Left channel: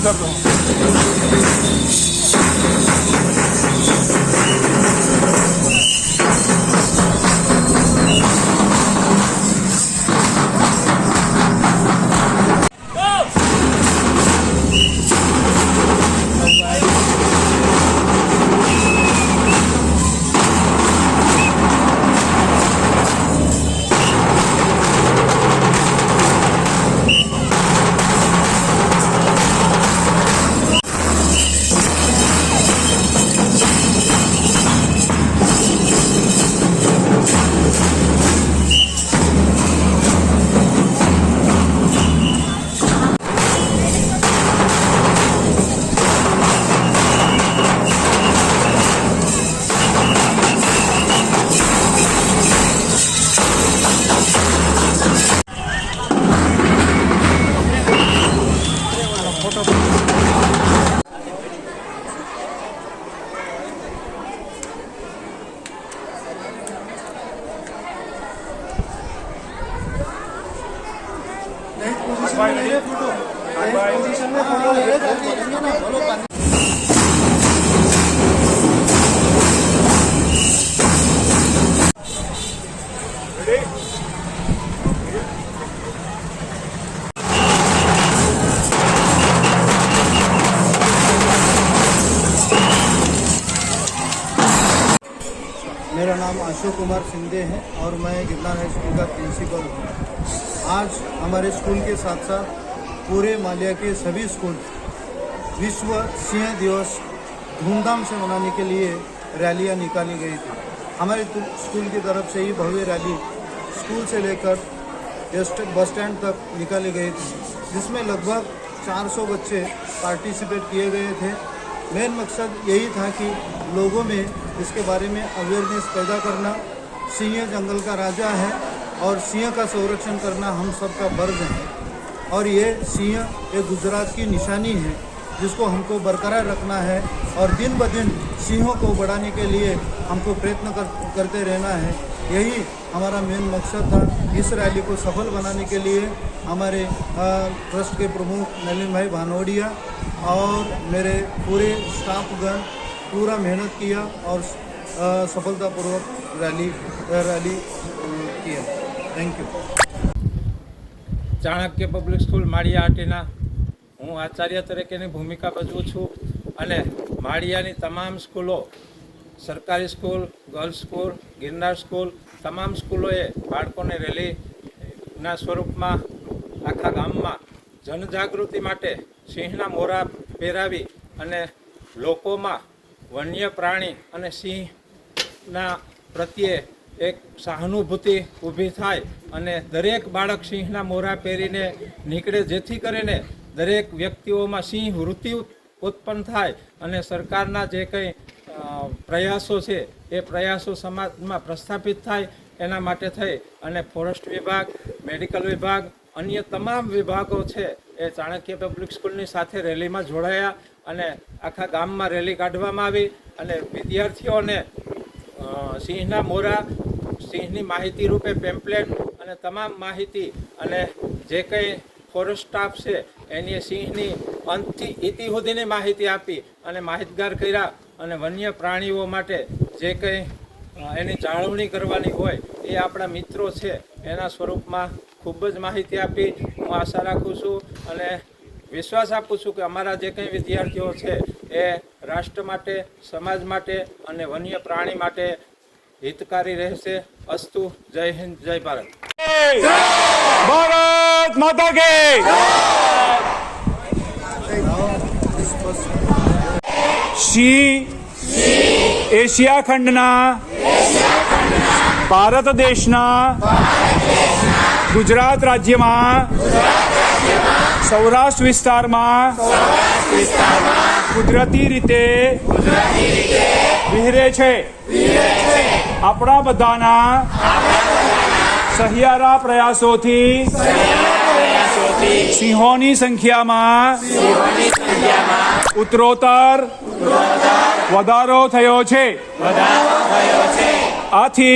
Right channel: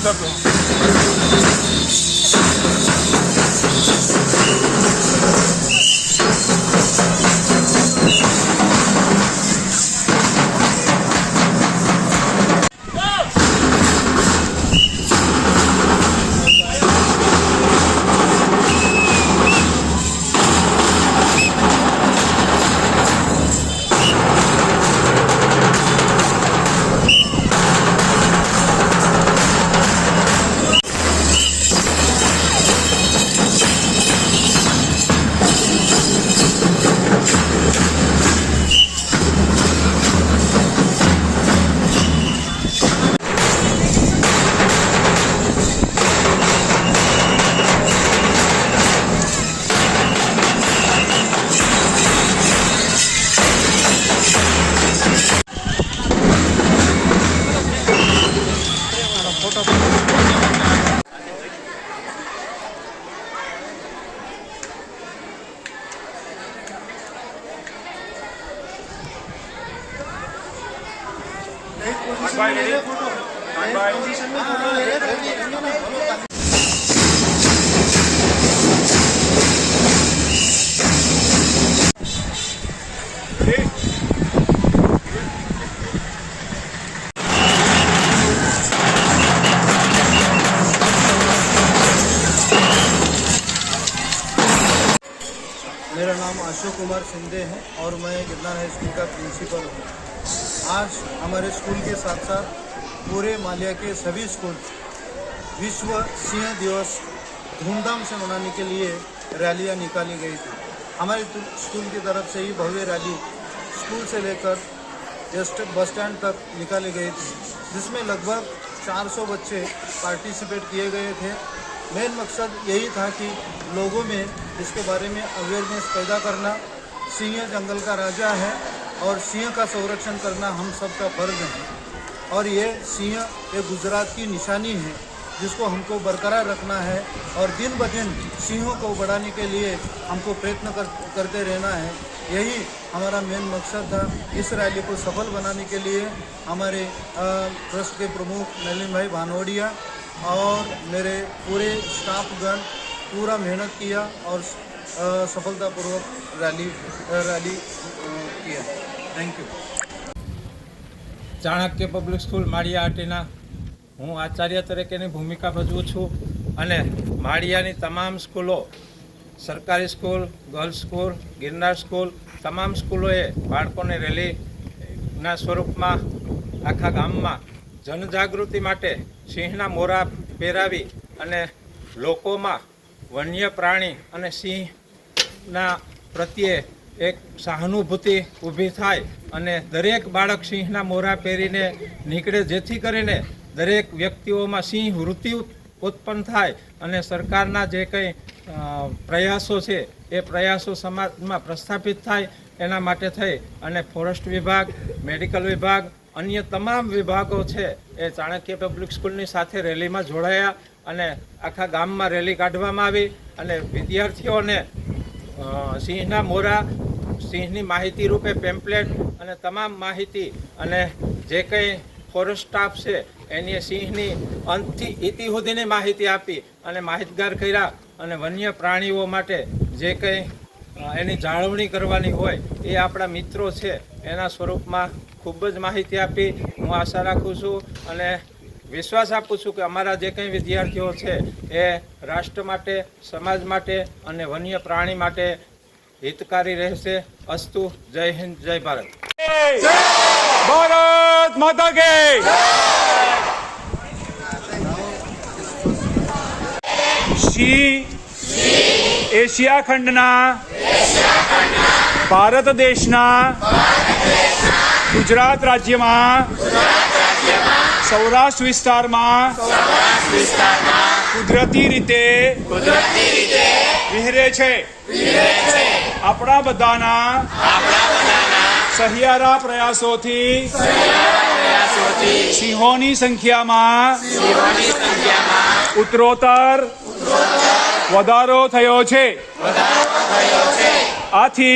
उधर दो। मेरा नाम अशोक कुमार शिंदे है और मैं गिरनार हाई स्कूल का प्रिंसिपल हूँ। आज हमारे स्कूल के साथ साथ पूरे मालिया के सभी स्कूल विश्व सिंह दिवस धूमधाम से मनाने के लिए रैलियाँ निकाली गई थी। हमारे स्कूल की तरफ से ही भव्य रैली स्कूल से लेकर बस स्टैंड तक निकाली गई थी, जिसमें लगभग 400 बच्चे पार्टिसिपेट किए गए थे। मेन मकसद यही था कि लोगों में इसके बारे में अवेयरनेस पैदा करना। सिंह जंगल का राजा है और सिंह का संरक्षण करना हम सबका फर्ज है और ये सिंह एक गुजरात की निशानी है जिसको हमको बरकरार रखना है और दिन ब दिन सिंहों को बढ़ाने के लिए हमको प्रयत्न करते रहना है। यही हमारा मेन मकसद था। इस रैली को सफल बनाने के लिए हमारे ट्रस्ट के प्रमुख नलिन भाई भानोड़िया और मेरे पूरे स्टाफगण पूरा मेहनत किया और सफलतापूर्वक रैली किया। Thank you. Chanakya public school Maliya आटीना हूँ आचार्य तरीकेની ભૂમિકા ભજવું છું અને માળિયાની તમામ સ્કૂલો સરકારી school, girls school, Girnar school તમામ સ્કૂલોએ બાળકોને રેલીના સ્વરૂપમાં આખા ગામમાં જનજાગૃતિ માટે સિંહના મોરા પહેરાવી અને લોકોમાં વન્ય પ્રાણી અને સિંહના પ્રત્યે એક સહાનુભૂતિ ઊભી થાય અને દરેક બાળક સિંહના મોરા પહેરીને નીકળે, જેથી કરીને દરેક વ્યક્તિઓમાં સિંહ વૃત્તિ ઉત્પન્ન થાય અને સરકારના જે કંઈ પ્રયાસો છે એ પ્રયાસો સમાજમાં પ્રસ્થાપિત થાય એના માટે થઈ અને ફોરેસ્ટ વિભાગ, મેડિકલ વિભાગ, અન્ય તમામ વિભાગો છે એ ચાણક્ય પબ્લિક સ્કૂલની સાથે રેલીમાં જોડાયા અને આખા ગામમાં રેલી કાઢવામાં આવી અને વિદ્યાર્થીઓને સિંહના મોરા, સિંહની માહિતી રૂપે પેમ્પલેટ અને તમામ માહિતી અને જે કંઈ ફોરેસ્ટ સ્ટાફ છે એની સિંહની અંતથી ઇતિ સુધીની માહિતી આપી અને માહિતગાર કર્યા અને વન્ય પ્રાણીઓ માટે જે કંઈ એની જાળવણી કરવાની હોય એ આપણા મિત્રો છે એના સ્વરૂપમાં ખૂબ જ માહિતી આપી। હું આશા રાખું છું અને વિશ્વાસ આપું છું કે અમારા જે કંઈ વિદ્યાર્થીઓ છે એ રાષ્ટ્ર માટે, સમાજ માટે અને વન્ય પ્રાણી માટે हितकारी रहसे। अस्तु। जय हिंद, जय भारत। भारत माता के। एशिया खंडना भारत देशना गुजरात राज्य में सौराष्ट्र विस्तार में कुदरती रीते विहरे छे। अपना बधाना सहियारा प्रयासोथी सिंहोनी संख्या में उत्तरोत्तर वधारो थयो छे। आथी